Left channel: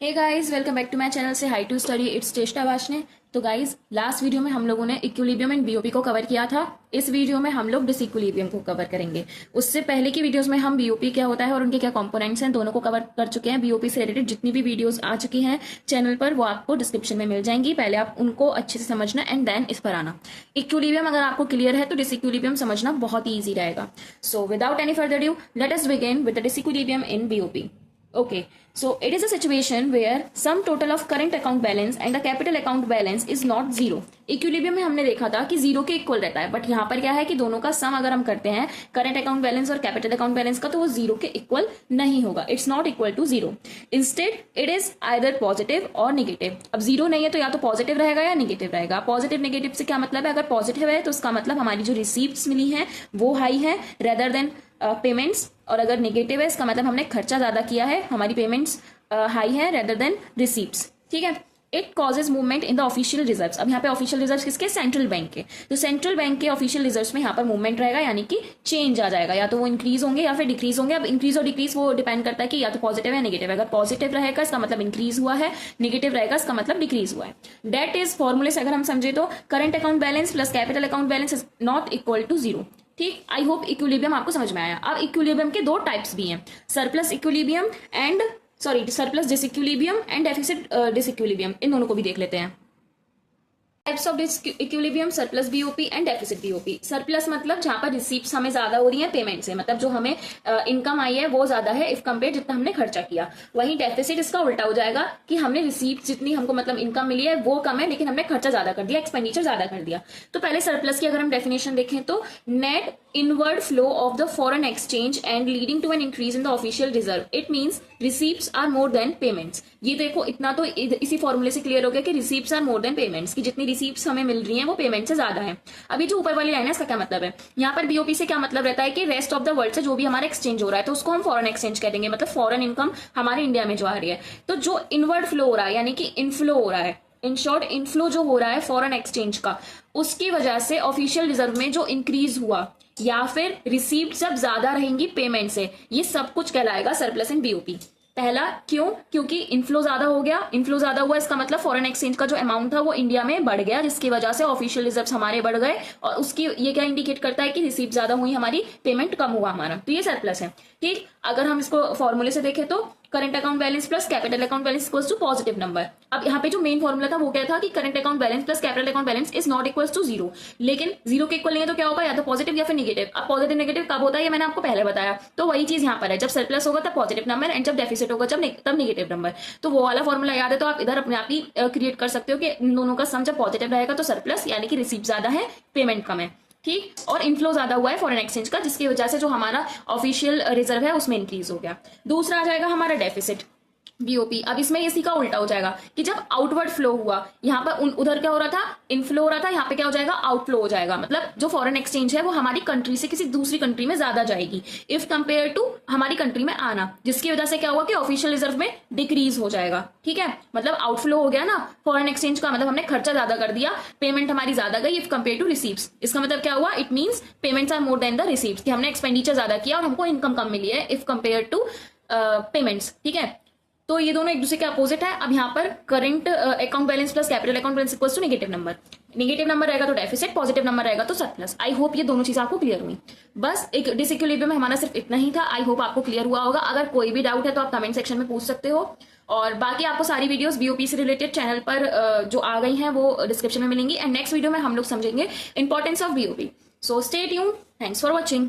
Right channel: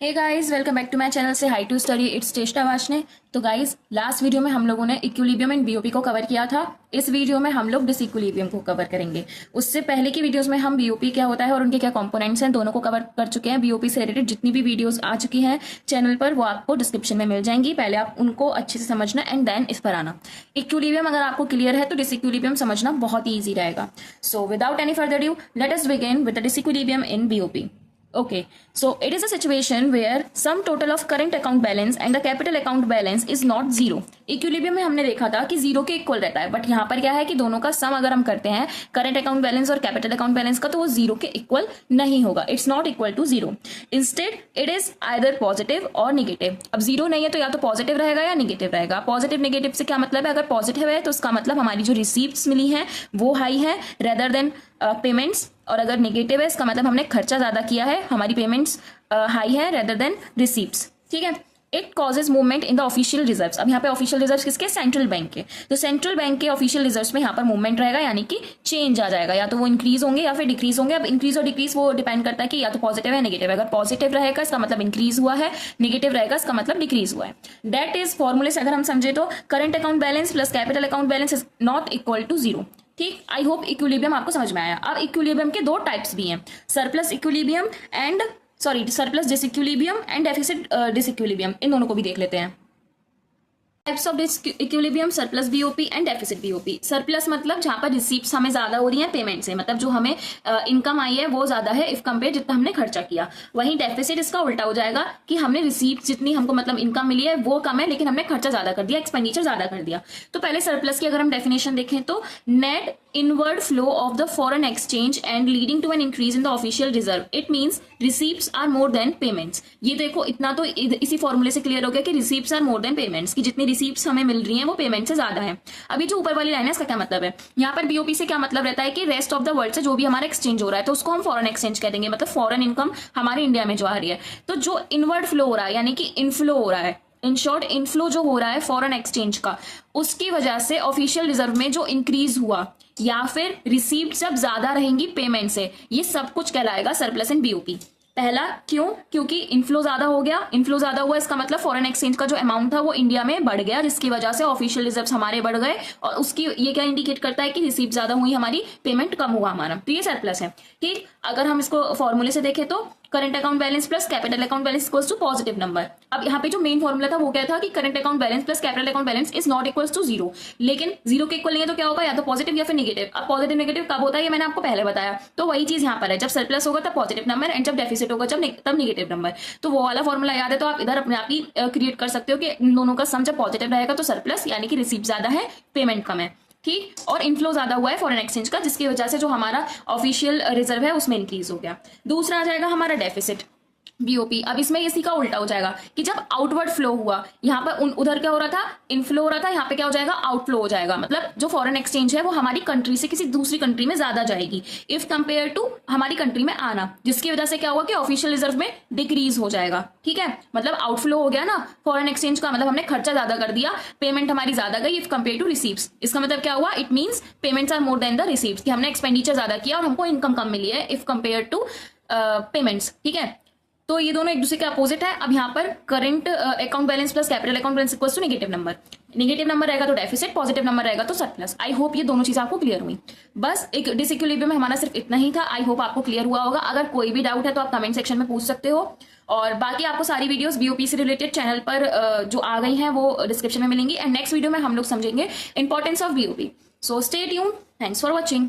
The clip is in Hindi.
Hey guys, welcome back to my channel say hi to study it's Cheshta Vashne. तो गाइस, लास्ट वीडियो में हम लोगों ने इक्विलिब्रियम एंड बीओपी को कवर किया था। इस वीडियो में हम लोग डिसइक्विलिब्रियम को कवर करेंगे। उससे पहले की वीडियोस में हम बीओपी क्या होता है और उनके क्या कंपोनेंट्स हैं दोनों को कवर कर चुके हैं। बीओपी से रिलेटेड जितनी भी वीडियोस आ चुकी हैं चैनल पर वो आपको डिस्क्रिप्शन में मिल जाएंगी। पहले आप उनको अच्छे से समझना एंड देन इस पर आना। इक्विलिब्रियम अगर आपको क्लियर है तो डिसइक्विलिब्रियम समझना बहुत ही ईजी रहेगा। So without any further due let us begin with the disequilibrium in BOP. Okay, so it is a situation where sum total of current account balance and the capital account balance is not zero. Equilibrium में हमने देखा था कि जीरो के इक्वल रहता है, बट यहाँ पर क्या है कि दोनों का सम अगर हम करते हैं करंट अकाउंट बैलेंस और कैपिटल अकाउंट बैलेंस का, तो वो जीरो के इक्वल नहीं होगा। It's not equal to zero. Instead it is either positive और निगेटिव। अब जीरो नहीं है तो या तो पॉजिटिव रहेगा या निगेटिव रहेगा। पॉजिटिव निगेटिव से क्या मतलब है? अगर पॉजिटिव है तो उसका मतलब हमारी जो रिसीप्ट्स मिली है वो हाई है रेदर देन पेमेंट्स, और अगर नेगेटिव है इसका मतलब हमने खर्चा ज्यादा किया है, हमारी पेमेंट्स हाई है रेदर देन रिसीप्ट्स। ठीक है। It causes movement in the official reserves. अब यहाँ पे ऑफिशियल रिजर्व्स किसके? सेंट्रल बैंक के। तो सेंट्रल बैंक के ऑफिशियल रिजर्व्स में यहाँ पर मूवमेंट रहेगा, यानी कि चेंज आ जाएगा। या तो वो इंक्रीज होंगे या फिर डिक्रीज होंगे। अब इंक्रीज और डिक्रीज वो डिपेंड करता है कि या तो पॉजिटिव है नेगेटिव है। अगर पॉजिटिव रहेगा इसका मतलब इंक्रीज हुआ है, नेगेटिव रहेगा इसका मतलब डिक्रीज हुआ है। दैट इज फॉर्मूले से अगर हम समझे तो current account balance plus capital account balance is not equal to zero. ठीक, आई होप इक्विलिब्रियम आपको समझ में आया। अब इक्विलिब्रियम के दो टाइप्स भी हैं, surplus equilibrium and surplus disequilibrium and deficit disequilibrium. इन दोनों को भी देख लेते हैं। Types of equilibrium, surplus BOP and deficit BOP. Surplus मतलब जहां पर रिसीप्ट्स हमें ज्यादा हो रही है पेमेंट से, मतलब जो हमें इनकम आई है वो ज्यादा है इफ कंपेयर जितना हमने खर्चा किया। वहीं डेफिसिट इसका उल्टा हो जाएगा कि हमने रिसीप्ट जितनी हमको मतलब इनकम मिली है वो कम है लेकिन हमने खर्चा ज्यादा कर दिया, एक्सपेंडिचर ज्यादा कर दिया। तो पहले सरप्लस की अगर हम डेफिनेशन देखें तो net inward flow of the foreign exchange and leading to an increase in the official reserve. It means receipts are more than payments. ये देखो इतना तो इसी फॉर्मूले से क्लियर हो गया कि receipts are more than payments, की जितनी रिसीप्ट्स हमें मिल रही हैं वो पेमेंट से ज्यादा है। अभी जो ऊपर वाली लाइन है इसका क्या मतलब है? यहाँ पर बीओपी से क्या मतलब रहता है कि रेस्ट ऑफ द वर्ल्ड से जो भी हमारा एक्सचेंज हो रहा है तो उसको हम फॉरेन एक्सचेंज कह देंगे, मतलब फॉरेन इनकम हमारे इंडिया में जो आ रही है। तो जो इनवर्ड फ्लो हो रहा है यानी कि इनफ्लो हो रहा है, इन शॉर्ट इनफ्लो जो हो रहा है फॉरेन एक्सचेंज का, उसकी वजह से ऑफिशियल रिजर्व में जो इंक्रीज हुआ या फिर रिसीप्ट जब ज्यादा रहेंगी पेमेंट से, ये सब कुछ कहलाएगा सरप्लस इन बीओपी। पहला क्यों? क्योंकि इनफ्लो ज्यादा हो गया। इनफ्लो ज्यादा हुआ इसका मतलब फॉरेन एक्सचेंज का जो अमाउंट था वो इंडिया में बढ़ गया, जिसकी वजह से ऑफिशियल रिजर्व्स हमारे बढ़ गए, और उसकी ये क्या इंडिकेट करता है कि रिसीप्ट ज्यादा हुई, हमारी पेमेंट कम हुआ हमारा, तो ये सरप्लस है। ठीक, अगर हम इसको फॉर्मूले से देखें तो current account balance plus capital account balance equals to positive number. अब यहाँ पे जो मेन फॉर्मूला था वो क्या था कि current account balance plus capital account balance is not equals to zero. लेकिन जीरो के इक्वल नहीं है तो क्या होगा? या तो पॉजिटिव या फिर नेगेटिव। अब पॉजिटिव नेगेटिव कब होता है ये मैंने आपको पहले बताया, तो वही चीज यहाँ पर है, जब सरप्लस होगा तब पॉजिटिव नंबर एंड जब डेफिसिट होगा तब नेगेटिव नंबर। तो वो वाला फॉर्मूला याद है तो आप इधर अपने आप ही क्रिएट कर सकते हो कि इन दोनों का सम जब पॉजिटिव रहेगा तो सरप्लस, यानी कि रिसीप्ट ज्यादा है पेमेंट कम है। ठीक, और इनफ्लो ज्यादा हुआ है फॉरेन एक्सचेंज का, जिसकी वजह से जो हमारा ऑफिशियल रिजर्व है उसमें इंक्रीज हो गया। दूसरा आ जाएगा हमारा डेफिसिट बीओपी। अब इसमें इसी का उल्टा हो जाएगा कि जब आउटवर्ड फ्लो हुआ, यहाँ पर उधर क्या हो रहा था? इनफ्लो हो रहा था, यहाँ पे क्या हो जाएगा? आउटफ्लो हो जाएगा। मतलब जो फॉरेन एक्सचेंज है वो हमारी कंट्री से किसी दूसरी कंट्री में ज्यादा जाएगी इफ कंपेयर टू हमारी कंट्री में आना, जिसकी वजह से क्या हुआ कि ऑफिशियल रिजर्व में डिक्रीज हो जाएगा। ठीक है, मतलब आउटफ्लो हो गया ना फॉरेन एक्सचेंज का, मतलब हमने खर्चा ज्यादा कर दिया, पेमेंट हमारी ज्यादा गई इफ कंपेयर टू रिसीप्ट्स। इसका मतलब क्या हुआ? It means payments are more than the receipts, कि हमने एक्सपेंडिचर ज्यादा किया और हमको इनकम कम मिली है इफ कंपेयर टू पेमेंट्स। ठीक है, तो ये दोनों एक दूसरे के अपोजिट है। अब यहाँ पर current account balance plus capital account balance equals to negative number. Negative number रहेगा तो डेफिसिट, पॉजिटिव नंबर रहेगा तो सरप्लस। आई होप ये दोनों चीजें आपको क्लियर हुई। बस एक डिसइक्विलिब्रियम में हमारा सिर्फ इतना ही था। आई होप आपको क्लियर हुआ होगा। अगर कोई भी डाउट है तो आप कमेंट सेक्शन में पूछ सकते हो, और बाकी आपको सारी वीडियोस बीओपी से रिलेटेड चैनल पर जो आ गई हैं वो डिस्क्रिप्शन में मिलेंगी। एंड नेक्स्ट वीडियो में हम लोग समझेंगे importance of BOP. So stay tuned, thanks for watching.